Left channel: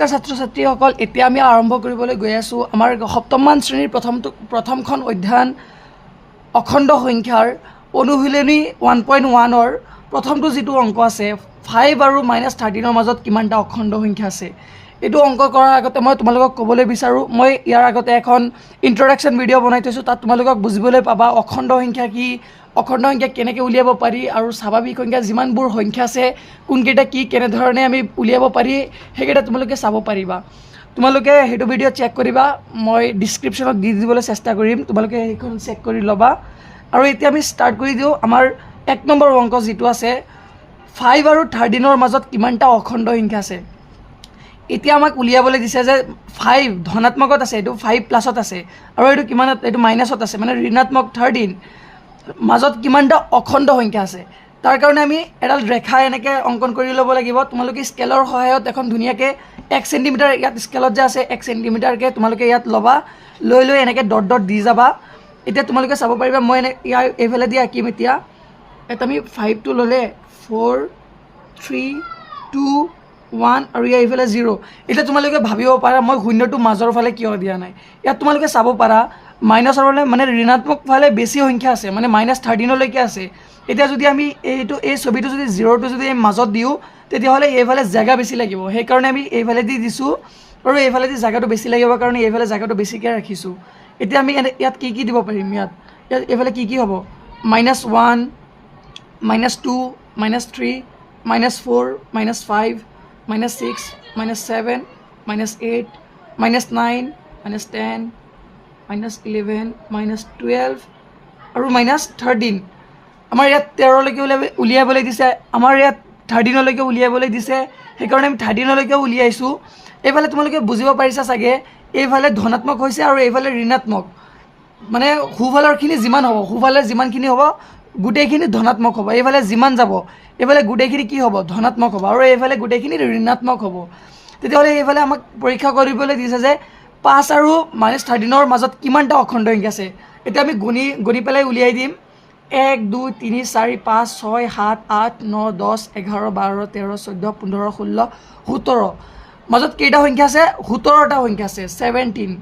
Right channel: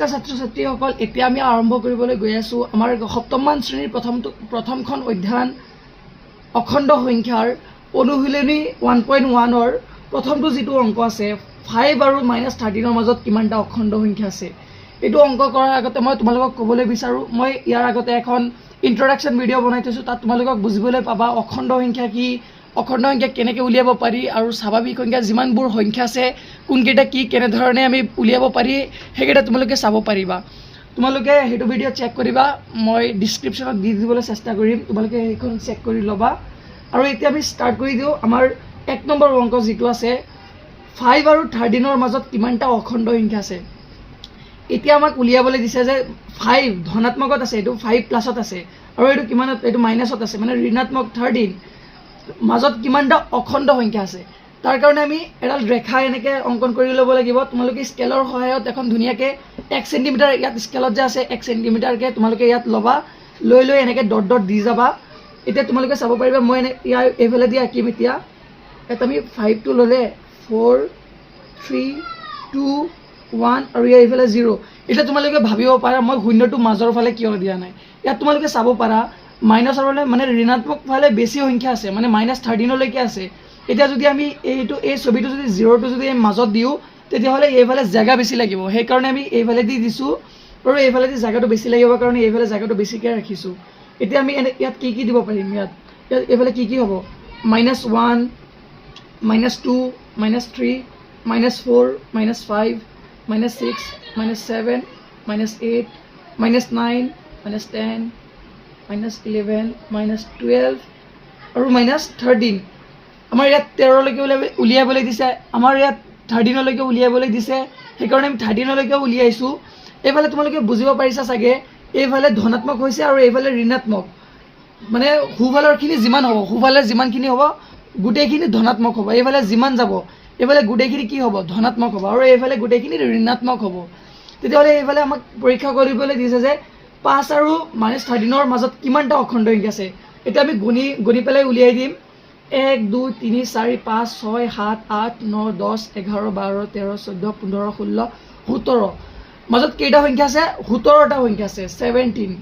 নমস্কাৰ ছাত্ৰ ছাত্ৰীসকল, এতিয়া আমি আৰম্ভ কৰিবলৈ গৈ আছোঁ আমাৰ সপ্তমমান শ্ৰেণীৰ প্ৰথমখন অধ্যয়ন অখণ্ড সংখ্যাৰ অনুশীলনী 1.1ৰ প্ৰথমটো যিটো অংক আছে 5 আৰু -13ৰ মাজত কিমানটা অখণ্ড সংখ্যা আছে। এইটো অংক কৰাৰ আগতে মই তোমালোকক ক'বলৈ বিচাৰোঁ, মই ইয়াৰ আগতে এখন ইন্ট্ৰডাকশ্যন ভিডিঅ' বনাই থৈছোঁ, তাত তোমালোকক বুজিবলৈ পাবা অখণ্ড সংখ্যা কি, অখণ্ড সংখ্যা কেনেকৈ উলিয়াব পাৰি আৰু স্বাভাৱিক সংখ্যা যিমানবোৰ সংখ্যা আছে কোনকেইটা কি কেনেধৰণে আমি উলিয়াব পাৰি সেইকেইটা তোমালোকে চাব পাৰিবা। তোমালোকে সেইটো ভিডিঅ' চেক কৰিবা, মই ডিছক্ৰিপশ্যনত দি দিবলৈ চেষ্টা কৰিম, তোমালোকে সেইখন চেক কৰি ল'বা। আৰু এতিয়া আমি ষ্টাৰ্ট কৰি দিওঁ আমাৰ 1 নম্বৰ অংক যিটো আছে 5 আৰু 13ৰ মাজত কিমানটা অখণ্ড সংখ্যা আছে। এতিয়া আমাক উলিয়াবলৈ দিছে যে 5 ধনাত্মকত আছে, এইটো 5 প্লাছত আছে আৰু এইটো কিমানত, এইটো মাইনাছত আছে, মানে ঋণাত্মক 13 মাজত কিমানটা অখণ্ড সংখ্যা আছে। তাৰ কাৰণে আমি এডাল ৰেখা এনেকৈ অংকন কৰি ল'ব লাগিব। তোমালোকে স্কেলৰ সহায়ত এখন ধুনীয়াকৈ 1 চেণ্টিমিটাৰ ইয়াত স্কেলত যে আছে 1 চেণ্টিমিটাৰকৈ তোমালোকে ইয়াত ল'বা, লৈ এনেকৈ ডট ডট দি যাবা। এতিয়া তোমালোকে চাব পাৰিবা, মই ইয়াৰ এইফালে দি আঁকিম। এতিয়া ইয়াত আমি 5টো ল'লে 4 3 2 1 আৰু ইয়াৰ এইফালে 0। এতিয়া তোমালোকে ভাবিব পাৰা মই শূন্যটো মাজৰ ফালে কিয় দিয়া নাই। ইয়াত তোমালোকে চাব পাৰা মাইনাছৰ ফালে মানে ঋণাত্মক ফালে বেছি সংখ্যা আছে, মানে -13লৈকে আছে। এতিয়া যদি আমি এই ছবিটো যদি 0টো যদি মাজত দিওঁ তেতিয়াহ'লে এইফালে জেগা বেছি লাগিব, সেইকাৰণে আমি এইফালে দি দিছোঁ আৰু এইফালে দি জেগাটো বেছি লাগিব কাৰণে এইফালে জেগাটো বেছিকৈ ৰাখিছোঁ। এতিয়া আমি ইয়াত কি দিব পাৰিম, ইয়াত এইফালে কি হ'ব, -1 -2 -3 -4 -5 -6 -7 -8 -9 -10 -11 -12 আৰু -13। আমাৰ ইয়াত 13লৈকে উলিয়াবলৈ দিছে, আমাৰ ইয়াত 13লৈকে উলিয়াবলৈ দিছে, সেইকাৰণে আমি 13লৈকে উলিয়াইছোঁ। এইফালে তোমালোকে বুজিব পাৰিছা চাগে, এইফালে ধনাত্মক হৈছে আৰু এইফালে ঋণাত্মক, মানে সোঁফালৰখিনি যিমান হ'ব, সোঁফালে যিমানখিনি হ'ব গোটেইখিনি ধনাত্মক হ'ব, এইফালে যিমান যাব এইফালে গোটেইখিনি কি হ'ব, ধনাত্মক হ'ব, আৰু এইফালে গোটেইখিনি ঋণাত্মক হ'ব। তেতিয়াহ'লে এইফালে আমাক পৰীক্ষা কৰিবলৈ দিছে যে 5 আৰু -13ৰ মাজত কিমানটা অখণ্ড সংখ্যা আছে। এতিয়া আমি গুণি পেলাই উলিয়াই দিম। 1 2 3 4 5 6 7 8 9 10 11 12 13 14 15 16 17 মাজত কেইটা সংখ্যা আছে, 17টা সংখ্যা আছে, 17।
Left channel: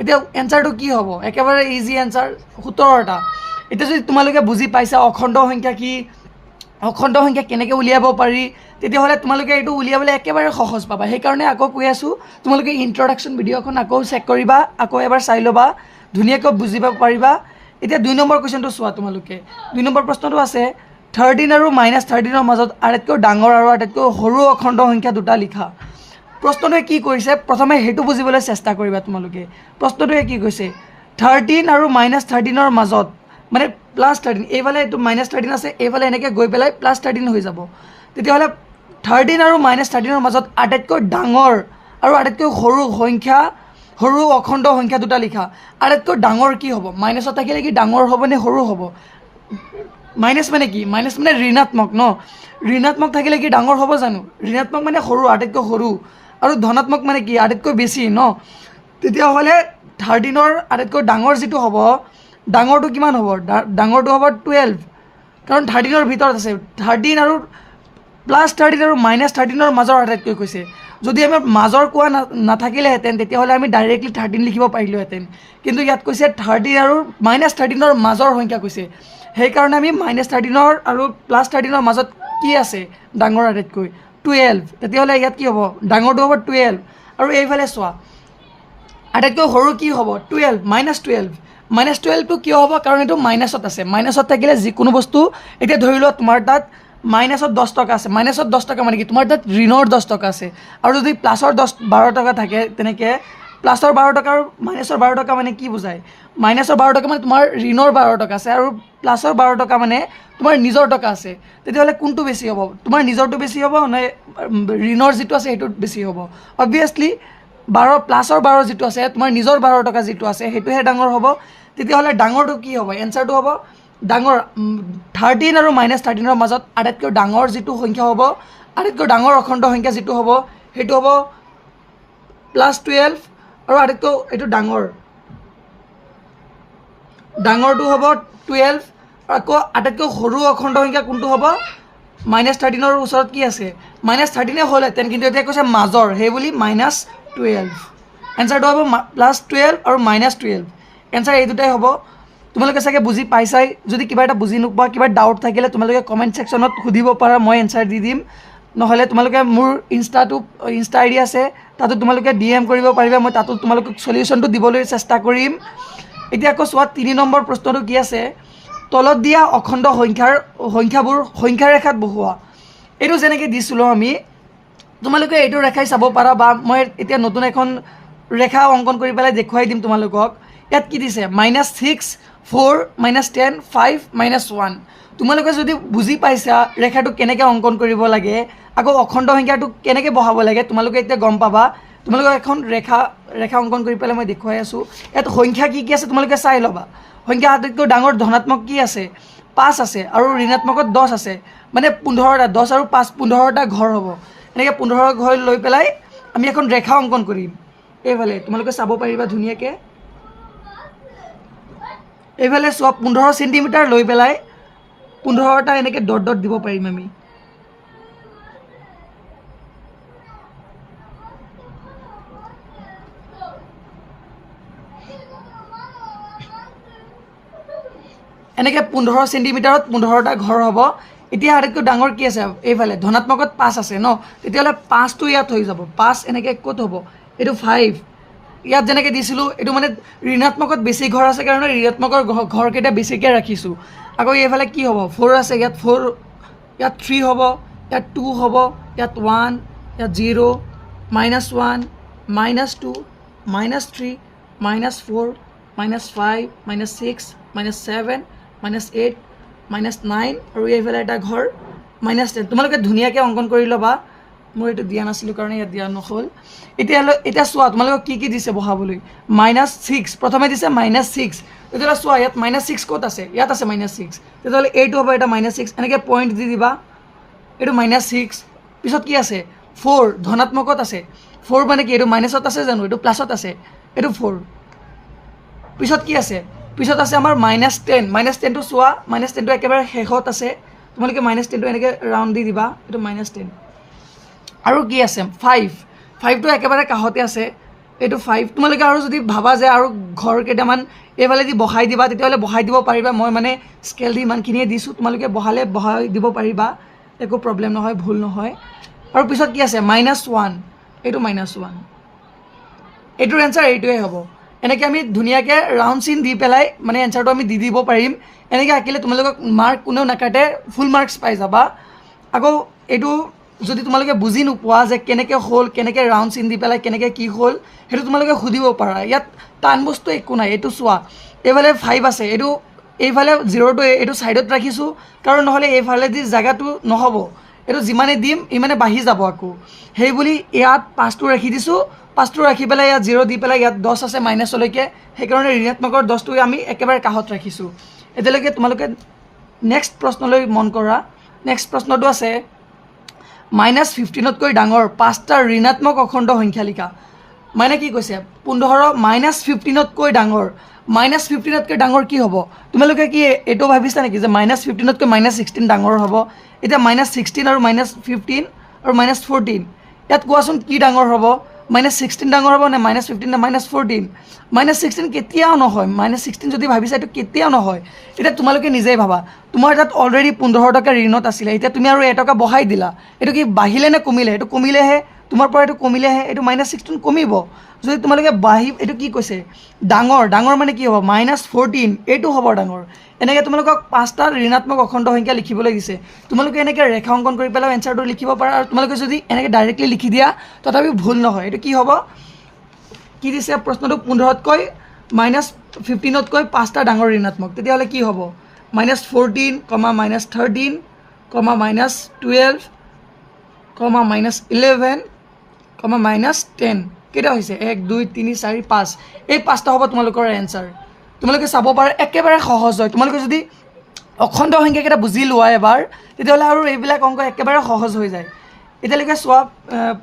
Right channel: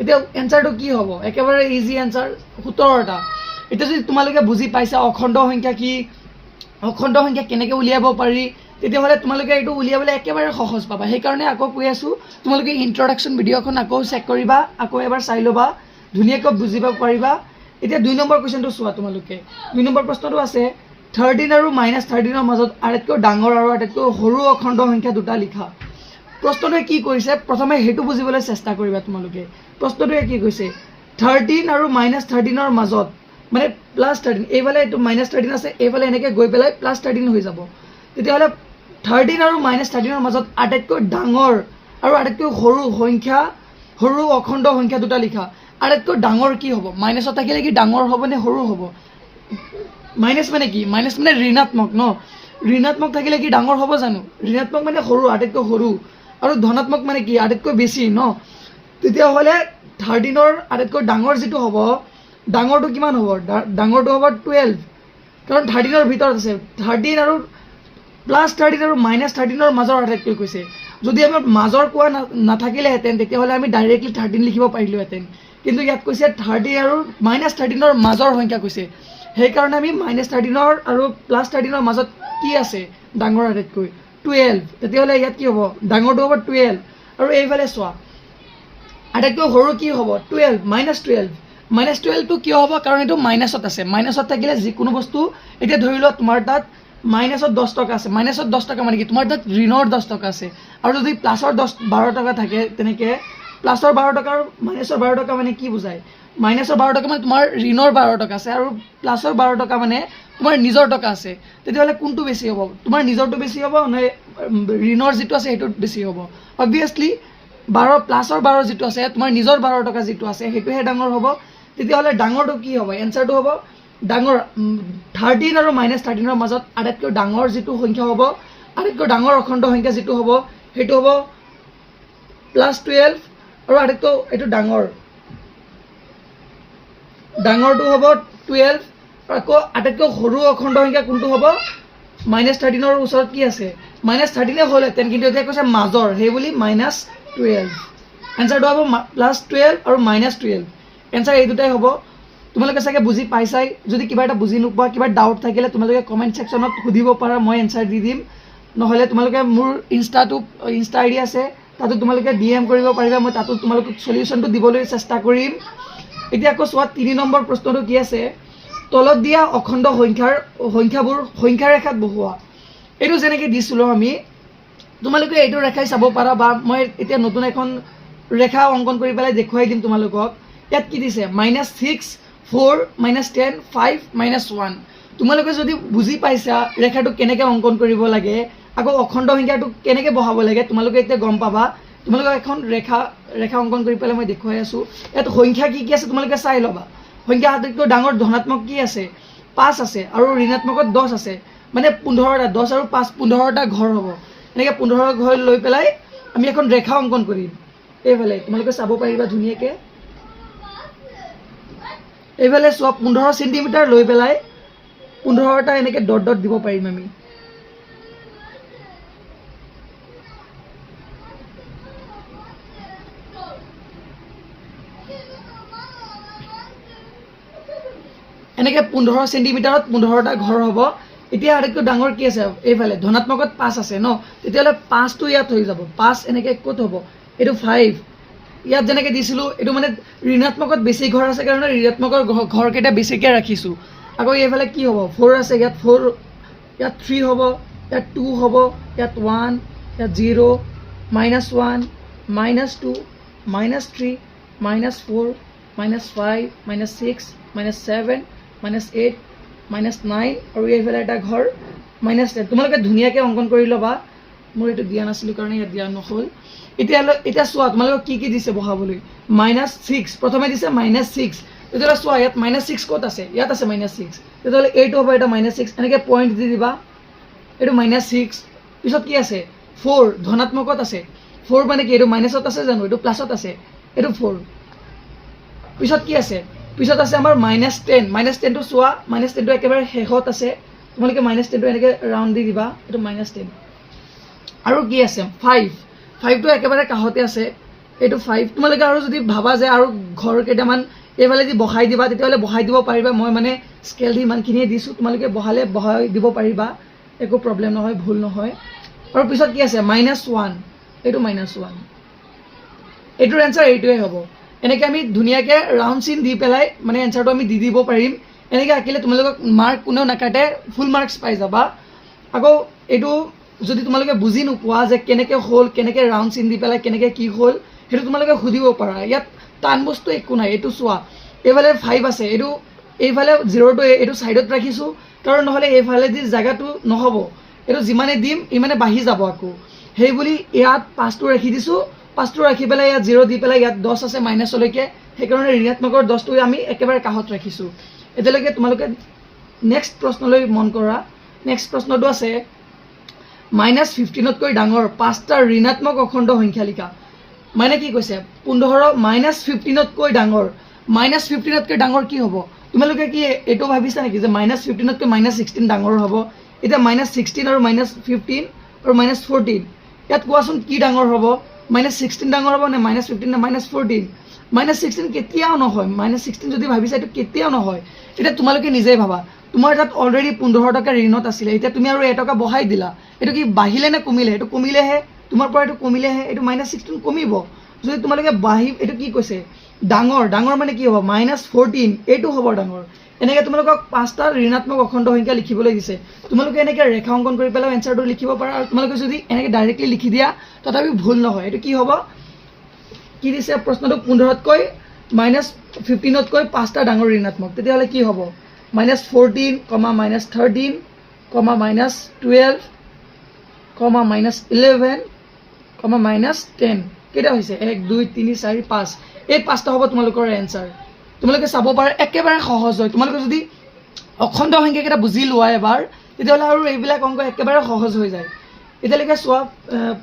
এতিয়া এনচাৰটো কি হ'ব, একেবাৰে ইজি এনচাৰ, 17টা। এতিয়া যদি তোমালোকে বুজি পাইছা অখণ্ড সংখ্যা কি, অখণ্ড সংখ্যা কেনেকৈ উলিয়াব পাৰি, তেতিয়াহ'লে তোমালোকে এইটো উলিয়াবলৈ একেবাৰে সহজ পাবা। সেইকাৰণে আকৌ কৈ আছোঁ, তোমালোকে ইন্ট্ৰডাকশ্যন ভিডিঅ'খন আকৌ চেক কৰিবা, আকৌ এবাৰ চাই ল'বা, ধুনীয়াকৈ বুজিব পাৰিবা। এতিয়া 2 নম্বৰ কুৱেশ্যনটো চোৱা তোমালোকে। 2 নম্বৰ প্ৰশ্নটো আছে 13 আৰু -13ৰ মাজত আটাইতকৈ ডাঙৰ আৰু আটাইতকৈ সৰু অখণ্ড সংখ্যা দুটা লিখা। প্ৰশ্নটোৱে কি কৰিছে প্ৰথমে সেইটো বুজিবলৈ চেষ্টা কৰিবা তোমালোকে। প্ৰশ্নটোৱে কি কৈছে, 13 আৰু -13ৰ মাজত, মানে +13, এইফালে এইটো -13 আছে, এইফালে এনেকৈ গৈ পেলাই +13 হৈ যাব। তেতিয়াহ'লে 13 আৰু -13ৰ মাজত আটাইতকৈ ডাঙৰ আৰু আটাইতকৈ সৰু সংখ্যা, সৰু অখণ্ড সংখ্যা দুটা লিখা। আটাইতকৈ ডাঙৰ কি হ'ব, মাইনাছত থাকিলে কি ডাঙৰ হ'ব নে সৰু হ'ব। মাইনাছ মানে কি, মাইনাছ মানে ঋণাত্মক ন, ঋণাত্মক থাকিলে কি ডাঙৰ হ'ব জানো, ঋণাত্মক মানে সৰু, আটাইতকৈ সৰু, আৰু ধনাত্মক মানে কি আটাইতকৈ বেছি ন। তেতিয়াহ'লে 13ৰ আটাইতকৈ ডাঙৰ যিটো হ'ব, ডাঙৰটো কিমান হ'ব, ডাঙৰটো হ'ব 12, কাৰণ 13ৰ ভিতৰত আছে। 13 আৰু +13 আৰু -13ৰ মাজৰ আটাইতকৈ কৈছে। যদি আমাৰ মাজৰ কোৱা নাথাকিলেহেঁতেন তেতিয়াহ'লে আমি ডাইৰেক্টলি 13 লিখিব পাৰিলোহেঁতেন, কিন্তু ইয়াত কৈছে 13 আৰু -13ৰ মাজৰ সংখ্যা কৈছে, সেইকাৰণে আমি -13 আৰু +13ৰ মাজত কি আছে ডাঙৰ আটাইতকৈ 12। তেতিয়াহ'লে ইয়াত কি হ'ব, ডাঙৰটো হ'ব 12, আৰু এইফালে চোৱা আটাইতকৈ সৰু কি হ'ব 12, -12। -12টো কিয় হ'ব, কাৰণ এইটো মাইনাছত আছে, মাইনাছত থাকিলে যিকোনো বস্তু, এতিয়া ধৰি লোৱা তোমাৰ তাত -10 টকা আছে, -10 টকা মানে কি তোমাৰ তাত ঋণৰ 10 টকা আছে, আৰু যদি +12 টকা থাকে তেনেকৈ +12 টকা আৰু -12 টকা মানে কি বুজায়, -12 টকা মানে তোমাৰ ঋণৰ 12 টকা আছে আৰু +12 টকা মানে তোমাৰ নিজৰ টকা আছে। তেতিয়াহ'লে কোনটো বেছি হ'ব, তোমাৰ নিজৰটো বেছি হ'ব নে ঋণৰ যিটো আছে সেইটো বেছি হ'ব। অবভিয়াছলি +12 যিটো আছে তোমাৰ নিজৰ 12 টকা যিটো আছে সেইটোহে ডাঙৰ হ'ব। তেতিয়াহ'লে ডাঙৰটো কি হ'ব, এনচাৰটো হ'ব ডাঙৰ 13 আৰু -13ৰ মাজত আটাইতকৈ ডাঙৰ যিটো সংখ্যা হ'ব, আটাইতকৈ ডাঙৰ অখণ্ড সংখ্যা যিটো হ'ব সেইটো হ'ব +12, আৰু আটাইতকৈ এইটো ডাঙৰটো হ'ব 12, আৰু আকৌ আটাইতকৈ সৰু অখণ্ড সংখ্যা কোনটো হ'ব -13ৰ ওচৰত কি আছে -13 হ'লহেঁতেন কিন্তু এতিয়া কৈছে মাজৰ সেই বুলি -12 এনচাৰটো হ'ব +12 আৰু -12 এনচাৰ এই দুটাই হ'ব তোমালোকে চাগে বুজি পাইছাই যদি কিবা এটা বুজি নোপোৱা কিবা ডাউট থাকিলে তোমালোকে কমেণ্ট ছেকশ্যনত সুধিব পাৰা মই এনচাৰ দি দিম নহ'লে তোমালোকে মোৰ ইনষ্টা আই ডি আছে তাতো তোমালোকে DM কৰিব পাৰিবা মই তাতো তোমালোকক সলিউশ্যনটো দিবলৈ চেষ্টা কৰিম এতিয়া আকৌ চোৱা 3 নম্বৰ প্ৰশ্নটো কি আছে তলত দিয়া অখণ্ড সংখ্যাবোৰ সংখ্যা ৰেখাত বহুৱা এইটো যেনেকৈ দিছিলোঁ আমি তোমালোকে এইটো ৰেখাই চাব পাৰা বা মই এতিয়া নতুন এখন ৰেখা অংকন কৰি পেলাই দেখুৱাই দিম তোমালোকক ইয়াত কি দিছে -6 4 -10 5 -1 তোমালোকে যদি বুজি পাইছা ৰেখাটো কেনেকৈ অংকন কৰিব লাগে আকৌ অখণ্ড সংখ্যাটো কেনেকৈ বহাব লাগে তোমালোকে এতিয়া গম পাবা তোমালোকক এখন ৰেখা অংকন কৰি পেলাই মই দেখুৱাই আছোঁ ইয়াত সংখ্যা কি আছে তোমালোকে চাই ল'বা সংখ্যা আটাইতকৈ ডাঙৰ ধনাত্মক কি আছে 5 আছে আৰু ঋণাত্মকত 10 আছে মানে 15টা 10 আৰু 5 15টা ঘৰ হ'ব এনেকৈ 15 ঘৰ লৈ পেলাই আমি এখন ৰেখা অংকন কৰিম এইফালে তোমালোকে চাব পাৰিবা ধুনীয়াকৈ এইফালে চোৱা 15 চেণ্টিমিটাৰ লৈ পেলাই 15টা এনেকৈ ডট দিব পাৰিম আমি এনেকৈ 15 চেণ্টিমিটাৰত 15টা ঘৰ হ'ব এতিয়া আটাইতকৈ ডাঙৰ কি আছে এইফালে ধনাত্মকত 5 আছে ন তেতিয়াহ'লে 5টো ইয়াত হৈ যাব 5 এনেকৈ ক'ত হ'ব এইটো 5 ইয়াত যেনেকৈ দিছিলোঁ এইটো মানে ঋণাত্মকত বেছি ঘৰ আছে কাৰণে ঋণাত্মকৰ ঘৰকেইটা বেছিকৈ ৰাখিছোঁ আকৌ এইফালে কি হ'ব 4 আছে ইয়াত 4 ইয়াত 3 হ'ব ইয়াত 2 হ'ব ইয়াত 1 ইয়াত 0 -1 -2 -3 -4 -5 -6 -7 -8 -9 আৰু এইফালে এটা ঘৰ -10 তোমালোকে ধুনীয়াকৈ অংকন কৰি ল'বা মোৰ এইটো দিয়া নাছিলোঁ কাৰণে ইয়াত দিয়া নহ'ল এতিয়া চোৱা তোমালোকক কি দিছে বহাবলৈ -6 প্ৰথমে দিছে -6 তেতিয়াহ'লে চোৱা ইয়াত -6 ক'ত আছে ইয়াত আছে -6 তেতিয়াহ'লে এইটো হ'ব এটা -6 এনেকৈ পইণ্ট দি দিবা এইটো -6 পিছত কি আছে 4 ধনাত্মকত আছে 4 মানে কি এইটো মাইনাছত আছে জানো এইটো প্লাছত আছে এইটো 4 পিছত কি আছে পিছত আছে আমাৰ -10টো চোৱা -10টো একেবাৰে শেষত আছে তোমালোকে -10টো এনেকৈ ৰাউণ্ড দি দিবা এইটো -10 আৰু কি আছে 5টো একেবাৰে কাষতে আছে এইটো 5 তোমালোকে আৰু যদি ভাবা যে আৰু ঘৰ কেইটামান এইফালে দি বহাই দিবা তেতিয়াহ'লে বহাই দিব পাৰিবা মই মানে স্কেল দি ইমানখিনিয়ে দিছোঁ তোমালোকে বহাই দিব পাৰিবা একো প্ৰব্লেম নহয় ভুল নহয় আৰু পিছত কি আছে -1 এইটো -1 এইটোৰ এনচাৰ এইটোৱে হ'ব এনেকৈ আমি ধুনীয়াকৈ ৰাউণ্ড চিন দি পেলাই মানে এনচাৰটো আমি দি দিব পাৰিম এনেকৈ আঁকিলে তোমালোকক মাৰ্ক কোনেও নাকাটে ফুল মাৰ্কছ পাই যাবা আকৌ এইটো যদি তোমালোকে বুজি নোপোৱা যে কেনেকৈ হ'ল কেনেকৈ ৰাউণ্ড চিন দি পেলাই কেনেকৈ কি হ'ল সেইটো তোমালোকে সুধিব পাৰা ইয়াত টান বস্তু একো নাই এইটো চোৱা এইফালে 5 আছে এইফালে 0টো এইটো ছাইডত ৰাখিছোঁ কাৰণ নহ'লে এইফালেদি জেগাটো নহ'ব এইটো যিমানে দিম ইমানে বাঢ়ি যাব আকৌ সেই বুলি ইয়াত 5টো ৰাখি দিছোঁ 5টো ৰাখি পেলাই ইয়াত 0 দি পেলাই ইয়াত 10 আছে মাইনাছলৈকে সেইকাৰণে ঋণাত্মকৰ 10টো আমি একেবাৰে কাষত ৰাখিছোঁ এতিয়ালৈকে তোমালোকে নেক্সট প্ৰশ্নলৈ মন কৰা নেক্সট প্ৰশ্নটো আছে -15তকৈ ডাঙৰ 5টা ঋণাত্মক অখণ্ড সংখ্যা লিখা মানে কি কৈছে 15 -15তকৈ ডাঙৰ -15তকৈ ডাঙৰ কি হ'ব তোমালোকে কি এইটো ভাবিছা নেকি যে -15তকৈ -16 ডাঙৰ হ'ব এতিয়া -16 আৰু -15 আৰু -14 ইয়াত কোৱাচোন কি ডাঙৰ হ'ব -16 ডাঙৰ হ'ব নে -15 নে -14 -16 কেতিয়াও নহয় -16 যদি ভাবিছা এইটো কেতিয়াও নহয় এতিয়া তোমালোকে নিজেই ভাবা তোমাৰ তাত অলৰেডি 15 টকা ঋণত আছিলে এতিয়া তুমি আৰু 1 টকা বঢ়াই দিলা এইটো কি বাঢ়িলে নে কমিলে এইটো কমিলেহে তোমাৰ পৰা এইটো কমিলেহে এইটো -16 কমিব যদি তোমালোকে এইটো কি কৈছে ডাঙৰ মানে কি হ'ব -14 এইটো হ'ব ডাঙৰ এনেকৈ তোমালোকক 5টা ঋণাত্মক অখণ্ড সংখ্যা লিখিবলৈ দিছে তোমালোকে এনেকৈ ৰেখা অংকন কৰি পেলাই এনচাৰটো লিখিব পাৰা আৰু তোমালোকে যদি এনেকৈ ডাইৰেক্টলি লিখি দিয়া তথাপি ভুল নহয় এইটো কি হ'ব কি দিছে প্ৰশ্নটো 15তকৈ -15তকৈ 5টা ডাঙৰ ঋণাত্মক তেতিয়াহ'লে কি হ'ব -14, -13, -12, -11, -10 কেইটা হৈছে 1 2 3 4 5 এই 5টা হ'ব তোমালোকৰ এনচাৰ তোমালোকে চাব পাৰা একেবাৰে সহজ হয় তোমালোকে যদি অখণ্ড সংখ্যাকেইটা বুজি লোৱা এবাৰ তেতিয়াহ'লে আৰু এইবিলাক অংক একেবাৰে সহজ হৈ যায় এতিয়ালৈকে চোৱা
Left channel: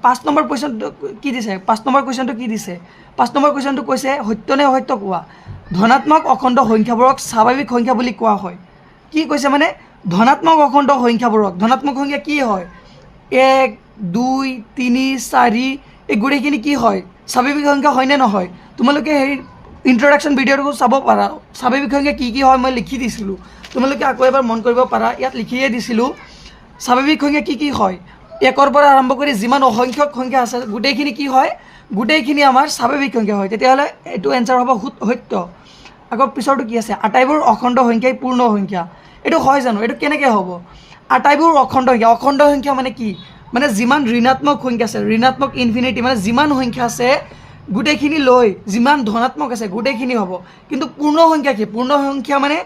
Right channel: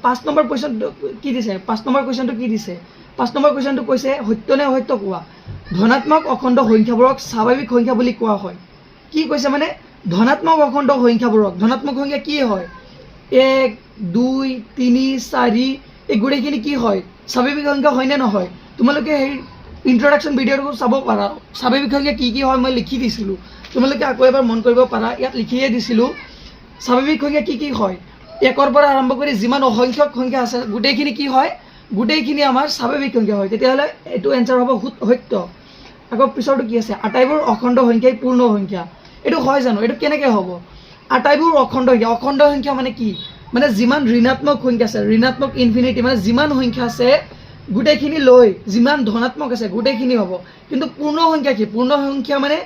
5 নম্বৰ কুৱেশ্যনটো কি দিছে 5 নম্বৰ কুৱেশ্যনটো কি দিছে 5 নম্বৰ কুৱেশ্যনটো কৈছে সত্য নে অসত্য কোৱা ধনাত্মক অখণ্ড সংখ্যাবোৰক স্বাভাৱিক সংখ্যা বুলি কোৱা হয় কি কৈছে মানে ধনাত্মক অখণ্ড সংখ্যাবোৰত ধনাত্মক সংখ্যা কি হয় 1 2 3 4 এই গোটেইখিনি কি হয় স্বাভাৱিক সংখ্যা হয়নে নহয় তোমালোকে সেই ইন্ট্ৰডাকশ্যন ভিডিঅ'টো চাব পাৰা স্বাভাৱিক সংখ্যা কি হয় মই লিখি দিছিলোঁ তোমালোকে আকৌ এবাৰ মন কৰিব পাৰা ইয়াত লিখিয়ে দিছিলোঁ স্বাভাৱিক সংখ্যা কি হয় 1ৰ পৰা আৰম্ভ কৰি যিমান অসংখ্যক সংখ্যা আছে গোটেইখিনি কি হয় গোটেইখিনি আমাৰ স্বাভাৱিক সংখ্যা হয় তেতিয়াহ'লে এইটো এনচাৰ হ'ব সত্য আকৌ পিছৰটো কি আছে আটাইবোৰ অখণ্ড সংখ্যাই পূৰ্ণ সংখ্যা এইটো হয় জানো এইটো কেনেকৈ হ'ব আটাইবোৰ অখণ্ড সংখ্যা মানে কি মানে যিমান ঋণাত্মক সংখ্যা আছে ঋণাত্মক ইনফিনিটি মানে যিমান সংখ্যা আছে গোটেইখিনি লৈ যিমান ধনাত্মক আছে গোটেইখিনি হ'ব কিন্তু পূৰ্ণ সংখ্যা কি পূৰ্ণ সংখ্যা মানে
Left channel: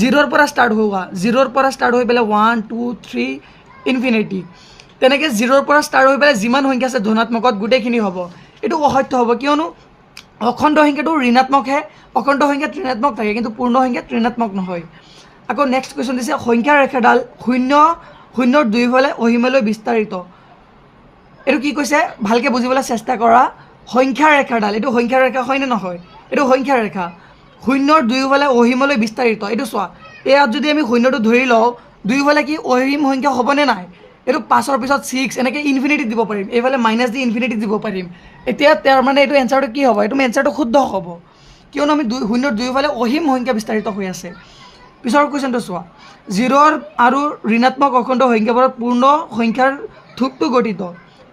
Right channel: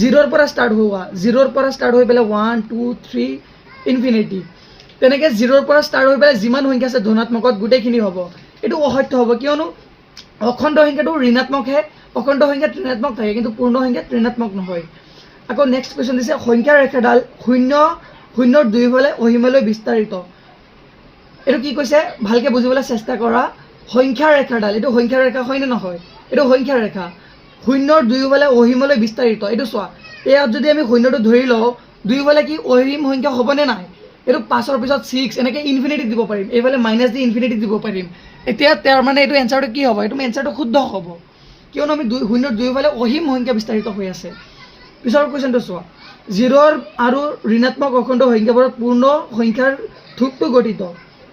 0ৰ পৰা ষ্টাৰ্ট হোৱা 0ৰ পৰা ষ্টাৰ্ট হৈ পেলাই 1 2 3 ইনফিনিটি তেনেকৈ 0ৰ পৰা ষ্টাৰ্ট হৈ পেলাই যিমান সংখ্যা আছে ধনাত্মকত গোটেইখিনি হ'ব এইটো অসত্য হ'ব কিয়নো অখণ্ড সংখ্যাটো ঋণাত্মকহে অখণ্ড সংখ্যাত ঋণাত্মক থাকে কিন্তু পূৰ্ণ সংখ্যাত ঋণাত্মক নহয় আকৌ নেক্সট কুৱেশ্যন দিছে সংখ্যাৰ ৰেখাডাল শূন্যৰ দুয়োফালে অসীমলৈ বিস্তাৰিত এইটো কি কৈছে ভালকৈ বুজিবলৈ চেষ্টা কৰা সংখ্যাৰ ৰেখাডাল এইটো সংখ্যাৰ ৰেখা হয়নে নহয় এইটো সংখ্যাৰ ৰেখা শূন্যৰ দুয়োফালে অসীমলৈ বিস্তাৰিত এইটো চোৱা ইয়াত যদি আমি শূন্যটো ধৰি লওঁ দুয়োফালে কি অসীম সংখ্যা হ'বনে নাই এইটো 5ৰ পিছত 6 এনেকৈ ইনফিনিটি দিব পাৰিম এইফালে মাইনাছ দি ইনফিনিটি দিব পাৰিম এতিয়া তাৰ মানে এইটো এনচাৰটো কি হ'ব এইটো এনচাৰটো শুদ্ধ হ'ব কিয়নো আমি শূন্যৰ দুয়োফালে অসীম সংখ্যা বিস্তাৰিত হৈ আছে পিছৰ কুৱেশ্যনটো চোৱা 0 আৰু ঋণাত্মক অখণ্ড সংখ্যাবোৰত পূৰ্ণ সংখ্যাৰ থোকটো গঠিত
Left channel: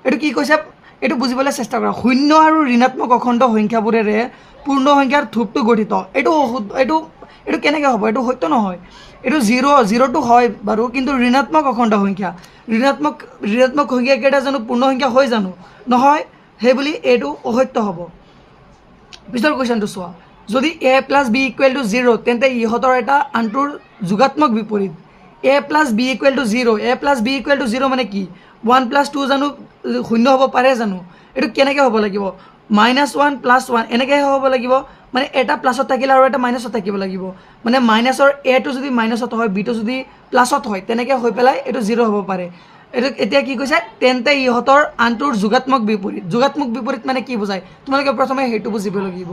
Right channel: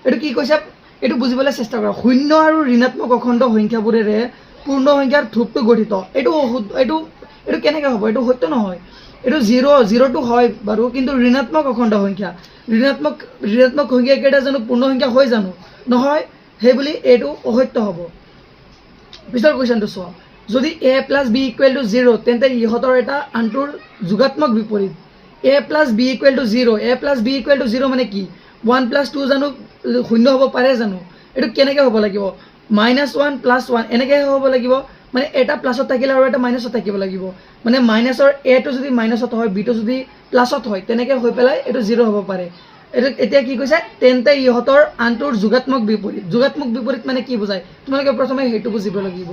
এইটো কি কৈছে এইটো বুজিবলৈ চেষ্টা কৰা শূন্য আৰু ঋণাত্মক অখণ্ড সংখ্যাবোৰেৰে পূৰ্ণ সংখ্যাৰ থোকটো গঠিত এইটো কেনেকৈ হ'ব এইটো সত্য নহয় এইটো 0টো হয় বাৰু কিন্তু ঋণাত্মক অখণ্ড সংখ্যা ঋণাত্মক সংখ্যা কেইটা জানো পূৰ্ণ সংখ্যা হয় জানো নহয় সেইবুলি এইটো অসত্য হ'ব পিছৰ কুৱেশ্যনটো চোৱা যদি a + b = 0 তেন্তে ইহঁতৰ এটা আনটোৰ যোগাত্মক বিপৰীত a + b = 0 a + b = 0 মানে কি 1 + 2 জানো শূন্য হ'ব পাৰে জানো এইটো কেনেকৈ হ'ব লাগিব -1 + 1 এনেকৈ হ'ব লাগিব মানে এটা প্লাছত থাকিলে আৰু এটা মাইনাছত থাকিব লাগিব মানে মাইনাছৰ এটো যদি মাইনাছত হয় বিটো যদি প্লাছত হয় তেনেকৈ হৈ পেলাই এইটো 0 হ'ব পাৰে এইটো এতিয়া কি কৈছে তেন্তে ইহঁতৰ আনটোৰ যোগাত্মক বিপৰীত মানে কি বুজায় তোমালোকে প্ৰথমে সেইটো বুজিব লাগিব